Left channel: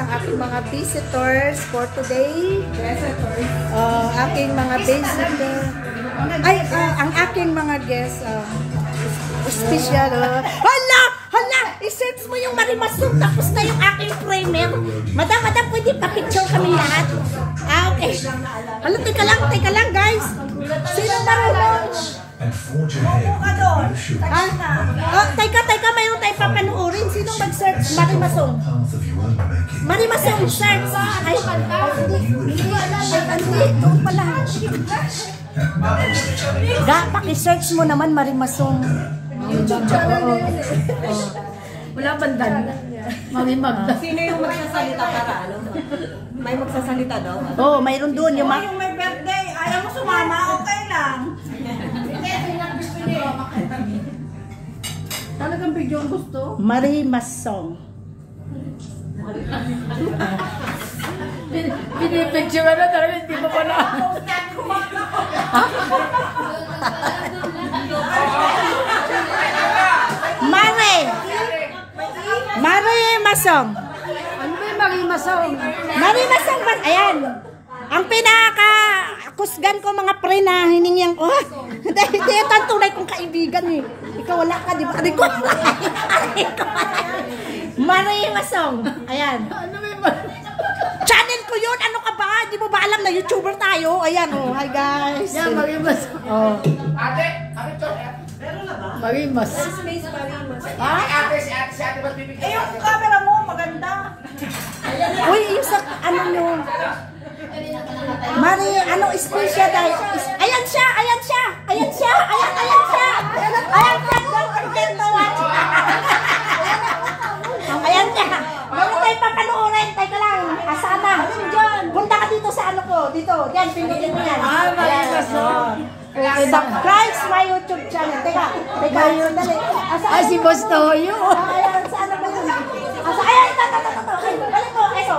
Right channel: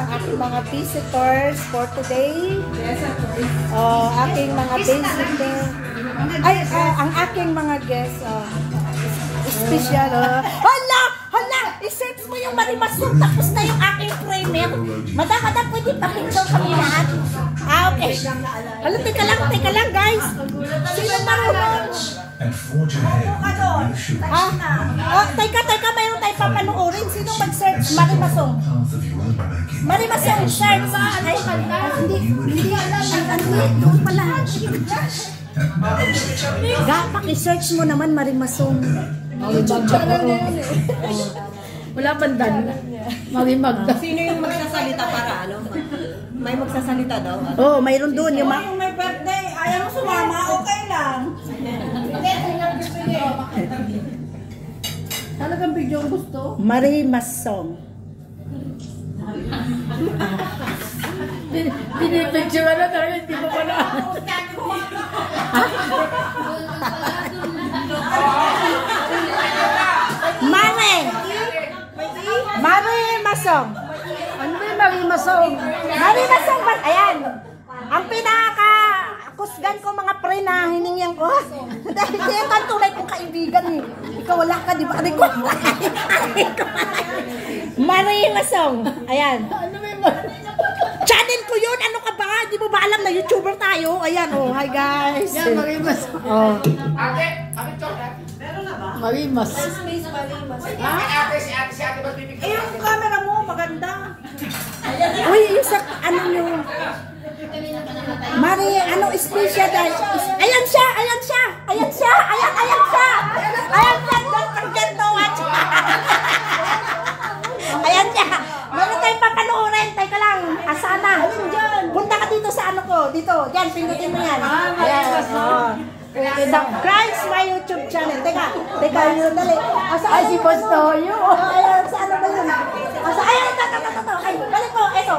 ang aking mga visitors for today. Aking mga visitors. Ay, ang aking mga guests. Special. Hala! Hala! I-search mo yung Marimasong tapos na yung aking primer. Madam, pwede pa-picture kami lahat. Okay. Hala, teka lang guys. Sino marunong? Opo ka doon. Teka, mayroon tayo papanuorin. Sinong mag-search? Marimasong. Marimasong, search. Ay, hindi. Doon pala. Dapat i-search mo naman Marimasong. Wala bandan. Magda. Sino yung magsasalita para ano? May magsasalita daw? Oh, mayroon doon yung yung may birthday, ayaw mo sumama, okay lang. Talagang video ang gusto? Marimasong. Pinipicture na talaga, hindi mo pala. Marimasong. Ano ba yung Marimasong? Marimasong ba? Ayan. Ang pinaka-kusgan ko mga pre na hiningyan ko. Dahil ito ang tunay kong kaibigan eh. Ikaw wala ka, di ba? Aray ko. Marimasong. Ayan. Ano ba yung Channel ko yun. Ano ka ba? Di mo ba alam na YouTuber tayo? Ayan, oh. Hi guys. Yan, Marimasong. Oh. Ate, meron na ba? Marimas. Si ate ba't bibigyan? Yung camera mo, maganda. Uy, yung sa ano nyo. Mari, ano special dahil. Ayan siya. Ayan siya. Ayan siya. Mari tayo papanoorin. Teka lang. Asana. Punta ka dito sa ano ko. Dito. Diyan, pindutin mo yan. Marimasong. Subscribe sa my YouTube channel. Teka, sandali. Ay, si Boss Toyo. Ayan, sa ano ba yun? Ayan, ito. Balik ko, ito.